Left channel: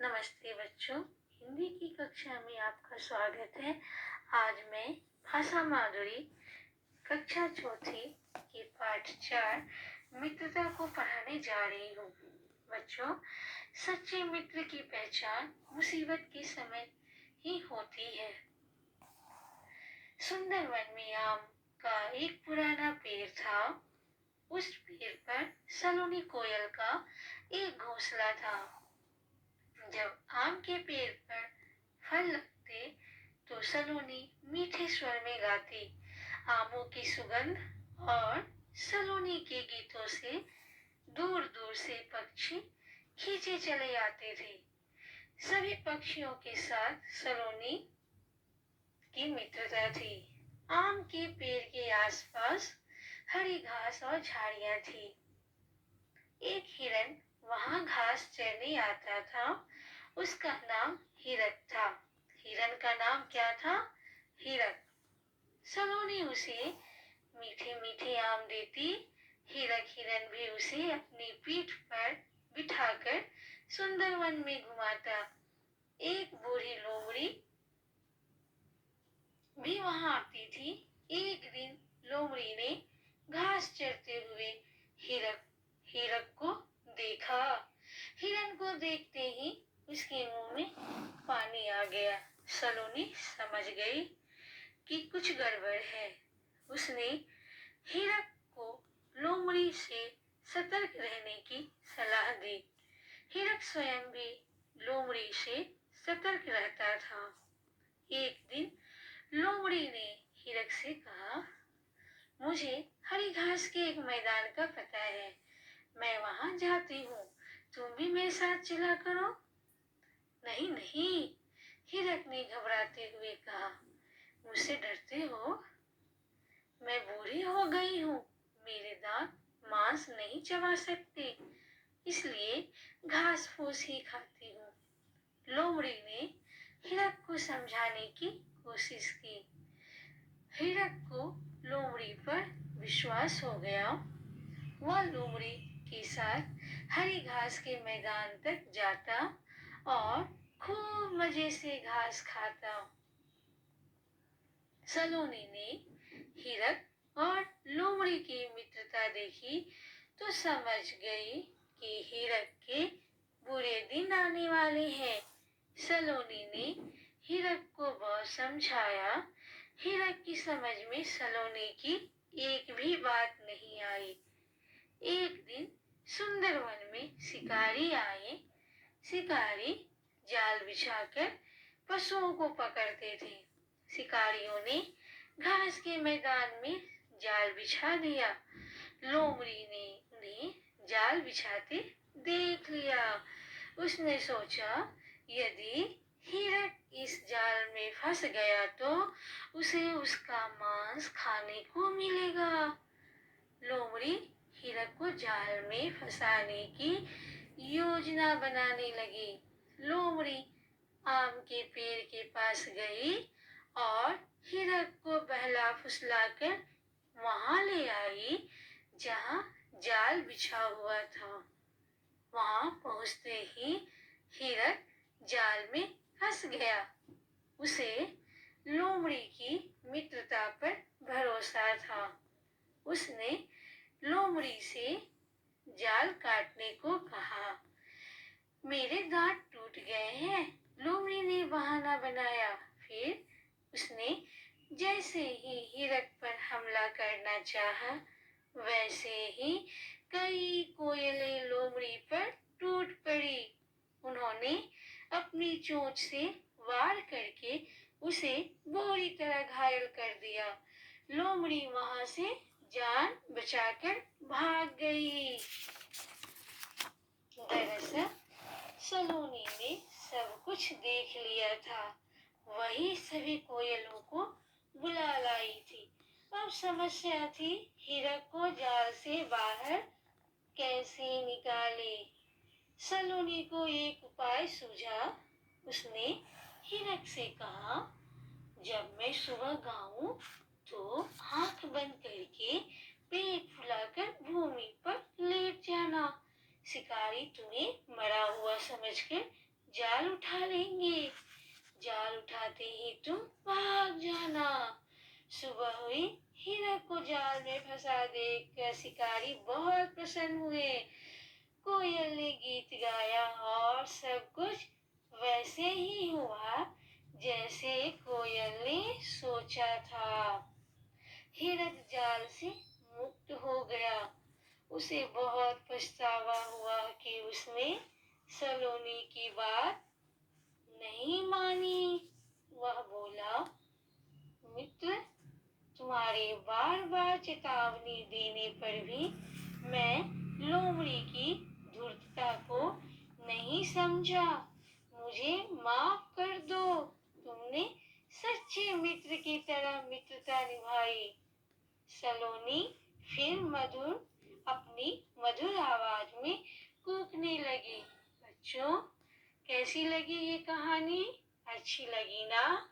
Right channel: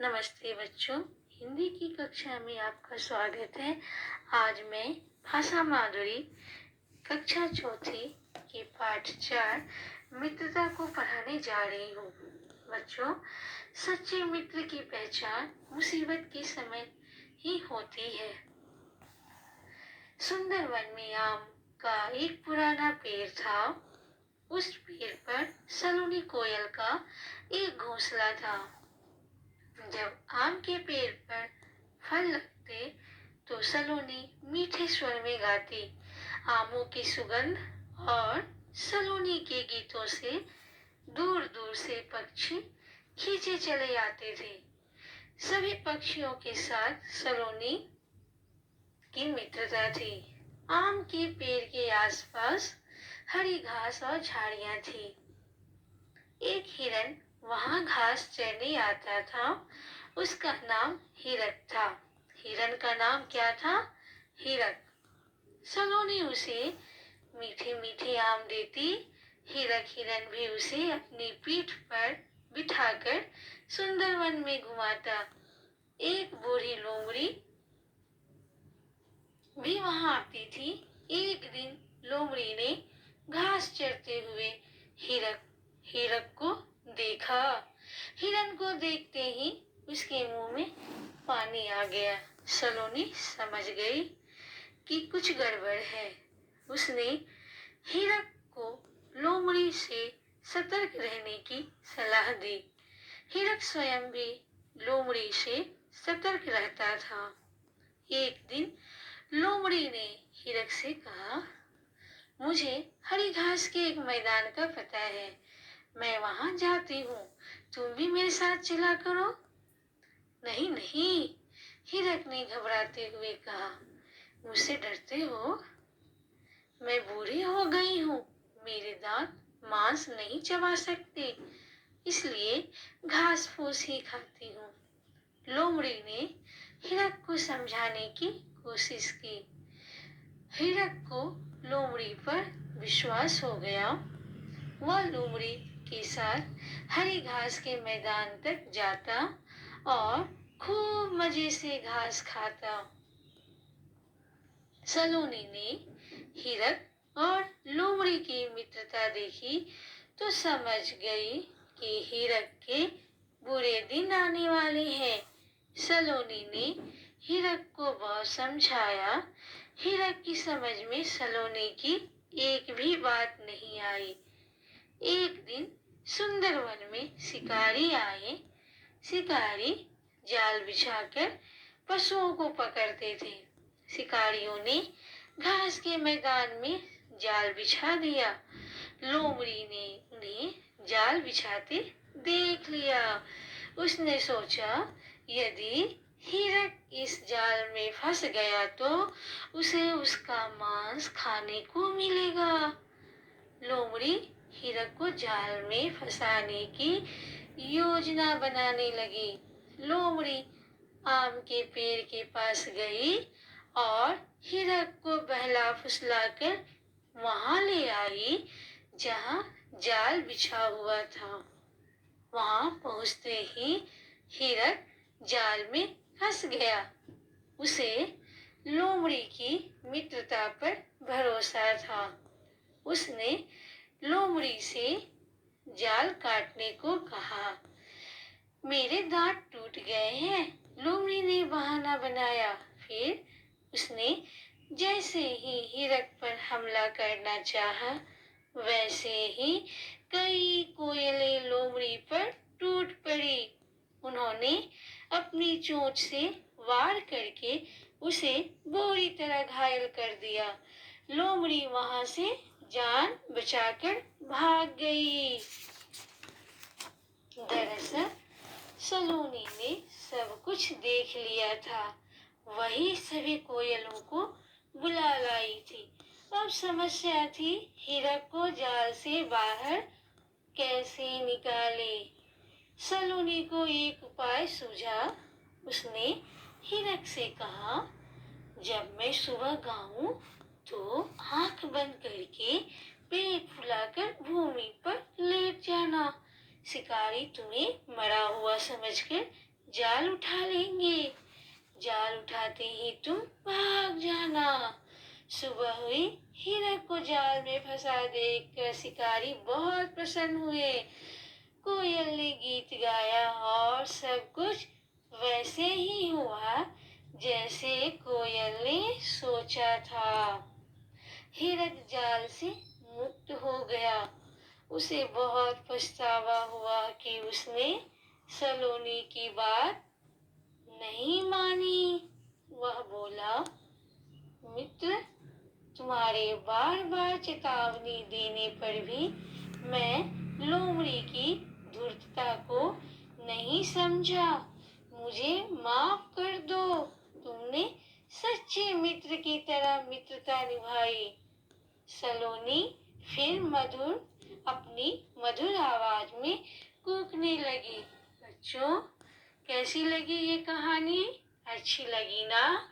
नमस्ते बच्चों, हिंदी की कक्षा में आपका स्वागत है। आज मैं भाषा माधुरी कक्षा चौथी के पाठ 4 मित्रता को पढ़ाने जा रही हूँ। बच्चों, सच्चे मित्र की पहचान मुसीबत के समय ही होती है। सुंदर वन में आम का एक पुराना पेड़ था। उस पेड़ पर सलोनी कोयल का एक घोंसला था। जब आम के पेड़ पर फल लगते तो सलोनी मीठे स्वर में गाती। आमों की सुगंध और सलोनी के गीतों से दूर दूर से पक्षी खींचे चले आते थे। सभी पक्षियों के साथ सलोनी की मित्रता थी। आम के पेड़ के आसपास हरी घास और झाड़ियां थी। एक हिरन वहां घास चरने आता था। उसका नाम हिरक था। हिरन का नाम क्या था? हिरक। सलोनी उसे मीठे मीठे आम देती। हिरक हिरन भी उसे अपनी पीठ पर बिठाकर सुंदर वन में घुमाता। एक बूढ़ी लोमड़ी भी वहां आती थी। एक दिन लोमड़ी ने घास चरते हुए हिरक को देखा। हिरन को देखते ही उसके मुंह में पानी आ गया। सलोनी समझ गई कि कुछ गड़बड़ है। उसने हिरक को लोमड़ी से सतर्क रहने की सलाह दी। हिरक स्वयं भी लोमड़ी से सतर्क रहता था। एक दिन लोमड़ी ने हिरक से कहा, मुझे हरी घास के एक मैदान का पता है। मैं वहां जाती हूँ। तुम भी मेरे साथ चला करो। नहीं नहीं, हिरक ने घबराते हुए कहा, मुझसे डरते हो? मैं बूढ़ी हो गई हूँ। मेरे दांत मांस नहीं चबा सकते, इसलिए घास फूस ही खाती हूँ। लोमड़ी ने हिरक को समझाने की कोशिश की। हिरक को लोमड़ी पर विश्वास हो गया। वह लोमड़ी के साथ हरी घास के मैदान तक जाता और खूब मजे से घास खाता। सलोनी ने हिरक और लोमड़ी की मित्रता देखी तो समझ गई कि हिरक के बुरे दिन आने वाले हैं। सलोनी ने हिरक को बहुत समझाया। हिरक की समझ में सलोनी की एक भी बात नहीं आई। एक दिन सुंदर वन में शिकारी आए। शिकारी जाल बिछाकर पशुओं को पकड़ते थे। शिकारियों ने घास के मैदान में जाल बिछा दिया। लोमड़ी ने उन्हें जाल बिछाते देख लिया। उसने सोचा, यदि हिरक इस जाल में फंस गया तो उसे उसका मांस खाने को मिलेगा। लोमड़ी हिरक को जाल में फंसाने की योजना बनाने लगी। लोमड़ी आम के पेड़ के पास गई और हिरक को बहला फुसलाकर वहां ले आई जहां जाल बिछा हुआ था। वहां पहुंचते ही हिरक जाल में फंस गया। उसे लोमड़ी की मित्रता पर भरोसा था। उसने लोमड़ी से जाल काटने को कहा। मेरे दांत टूट गए हैं, लोमड़ी ने बहाना बनाया। फिर उसने जैसे ही हिरक पर हमला करना चाहा, वैसे ही कई कोयलें लोमड़ी पर टूट पड़ी। उन्होंने अपनी चोंच से वार करके उसे बुरी तरह घायल कर दिया। लोमड़ी वहां से जान बचाकर भाग गई। दरअसल सलोनी ने सब कुछ देख लिया था। वही सभी कोयलों को बुला लाई थी। अब समस्या थी हिरक को जाल से बाहर कैसे निकाले। सलोनी को एक उपाय सूझा। उसने हिरक से कहा, जब मैं सुबह गाऊं तो आंख बंद करके पेट फुलाकर भूमि पर लेट जाना। शिकारी तुम्हें मरा हुआ समझकर जाल उठा लेंगे। जाल उठाते ही तुम भाग जाना। सुबह हुई, हिरक को जाल में फंसा देखकर शिकारी बहुत प्रसन्न हुए। कोयल ने गीत गाया और सब कुछ वैसे ही हुआ जैसे कोयल ने सोचा था। हिरक जाल से मुक्त हो गया। उसे बहुत पछतावा हुआ कि उसने सलोनी की बात नहीं मानी। वह बोला, मित्र, तुम्हारे बार बार चेतावनी देने पर भी मैं लोमड़ी की धूर्तता को नहीं समझा। मुझे माफ कर दो। तुमने सच्चे मित्र की तरह मित्रता निभाई। सलोनी फिर अपनी मधुर आवाज में कूकने लगी। बच्चों, कैसी लगी ये कहानी? अच्छी लगी ना?